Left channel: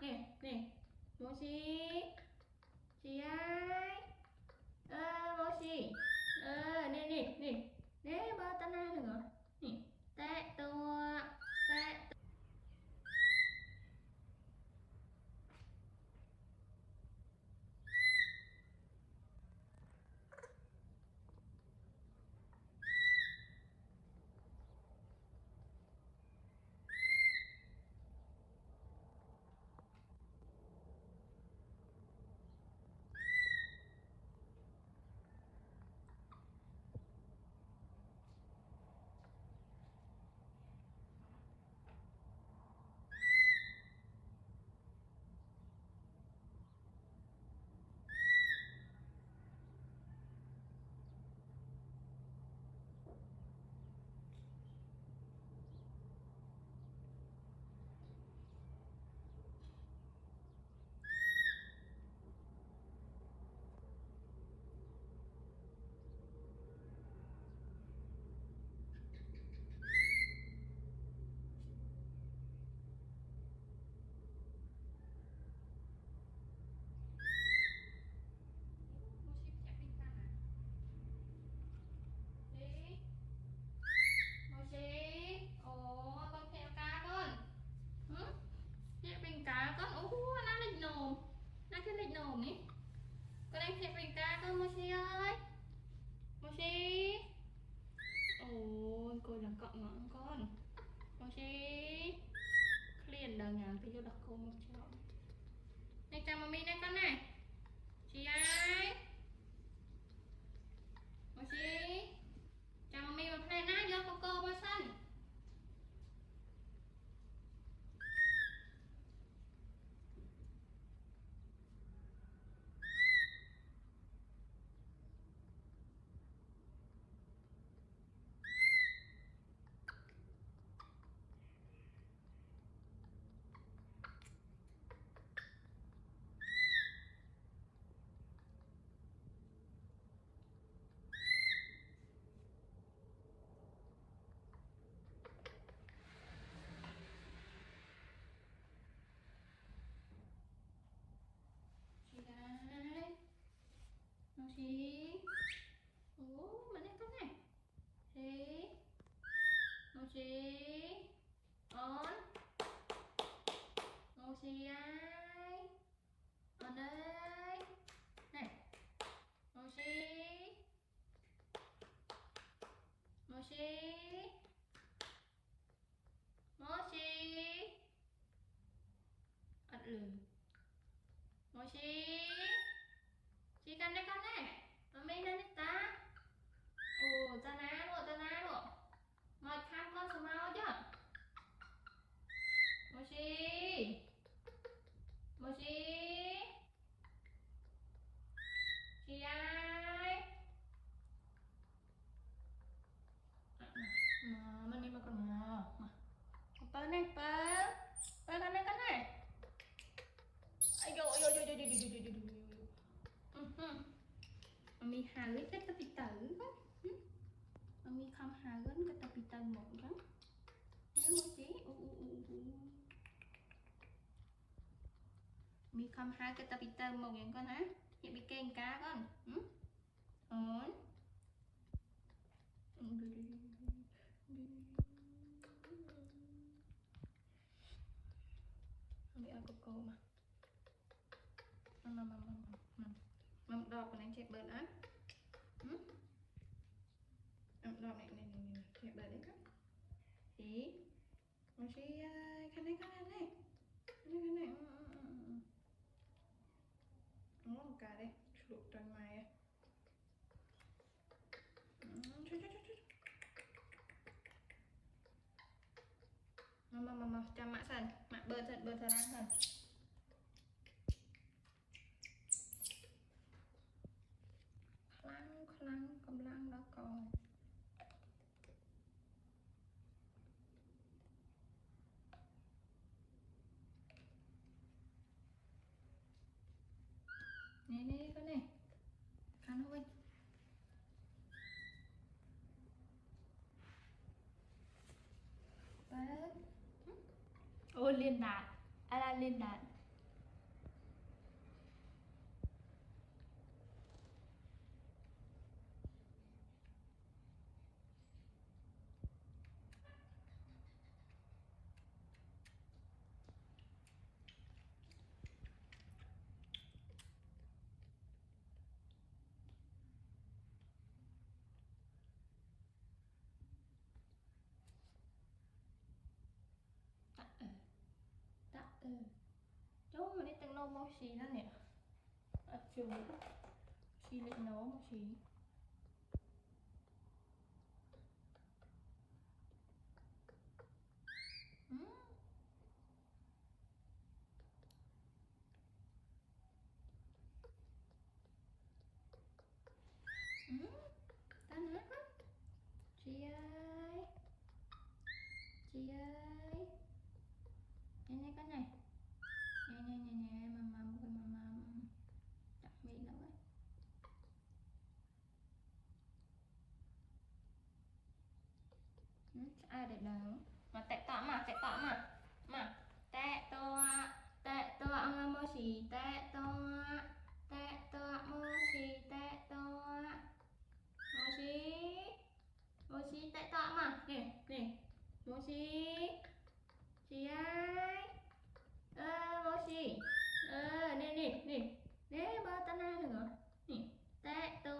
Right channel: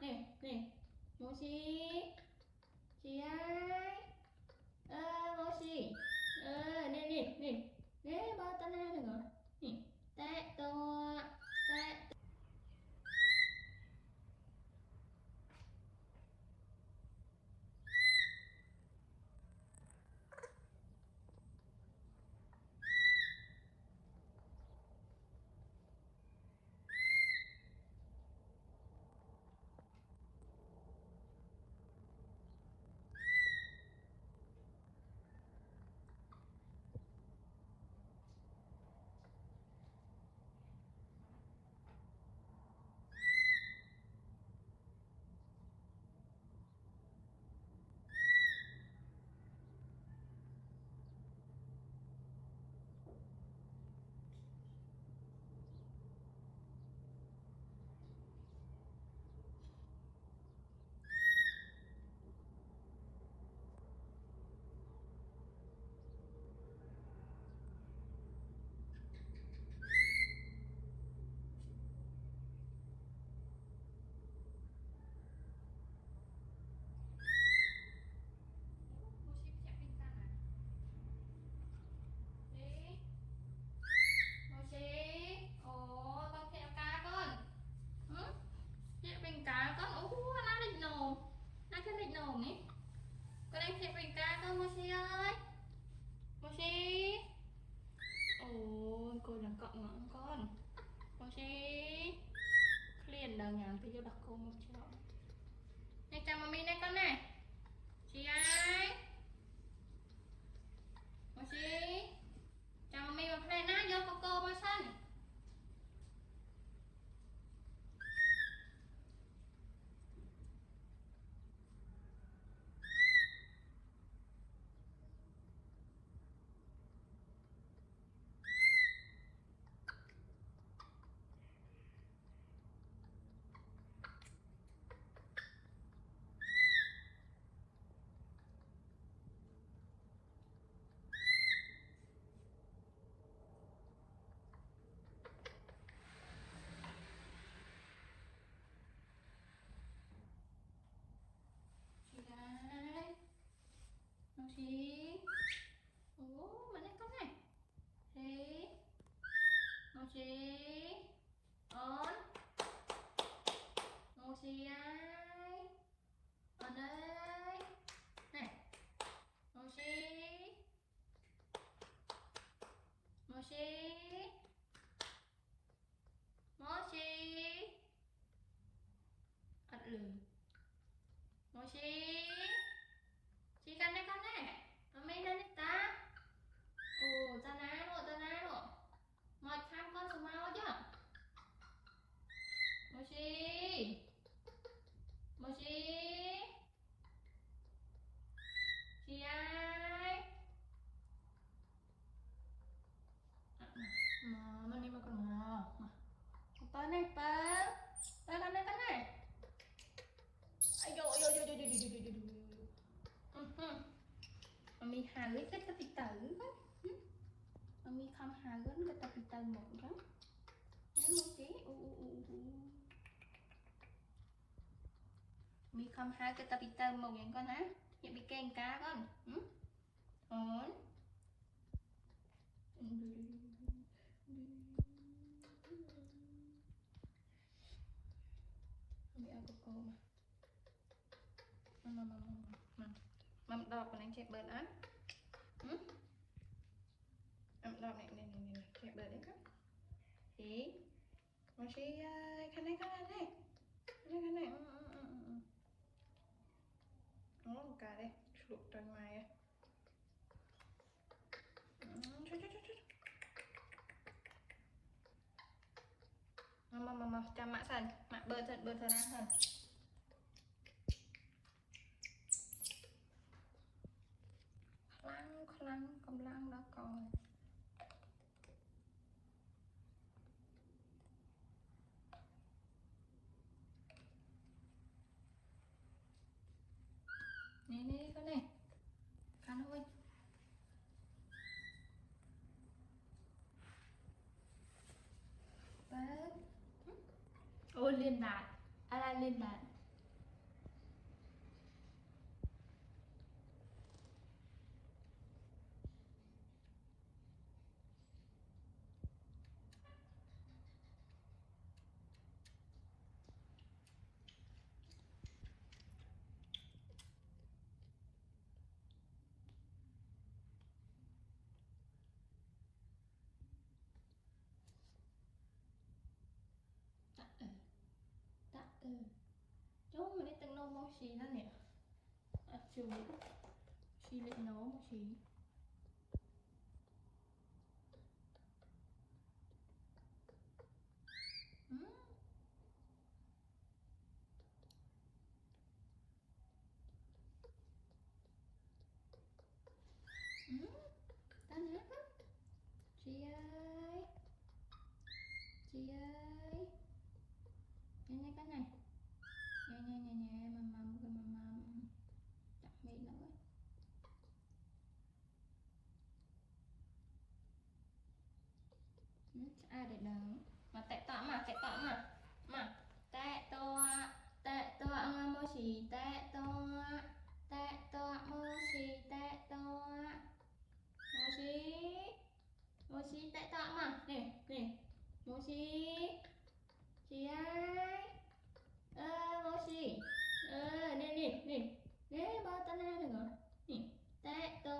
nè nè Mochi chị ơi Mochi nè nè nè nè ba ta na được rồi nè tệตัวtệ cá con nó lịch nồm nó cái lịch nồm ấy con em thịt bình cá con Mochi ơi Mochi ôi cô là cọng ngọn con Mochi liền đầu nhàng thì cho đặt cô một chỗ này chào mami đây con này chị ơi Mochi chào mami một này nè vô cô mới sân đấy Mochi mà đây con này thế Mochi on Mochi ai on đây này Mochi Mochi Mochi ật lử Mochi chị cần đây con này mami lên ta ta ná luôn mời thăm con số mau chứ Mochi Mochi chị ai mà mami mà còn mà Pơ này Pơ con này ai dồi mami hà lưỡi cái ta bị tử mami không hà lưỡi cái ta bị tử một cái nếu Mochi mi không hai cái ta bị tử một những con á vậy bị kèn cá con ổn bị ăn cô mà mầm đọc của anh chạy bớt á mầm đọc này chạy bớt đấy các thì Mochi cái này nó một cái đây luộc ra ngoài á mà chăm mạ sần mạ bơ thật ăn sần khăn cầm lăng đó còn này con này khăn thôi ôi liên đạn liên đạn Chú mình đi từng nấu món gì đó nè. Chú chị định nấu một gì. Ừ. Ừ. Tan hát lắm. Chị ơi. Chị ơi. Nè nè cái này. Nè nè nè nè mầm chặt miệng nó quá. Ừ. Ai để đâu mà tệ tọ mà tệ tọ mô xì tệ tọ mô xì tệ tọ mô xì mô xì tệ tọ mà nè nè mô xì chị ơi mô xì nè nè nè nè ba ta na được rồi nè tệ tọ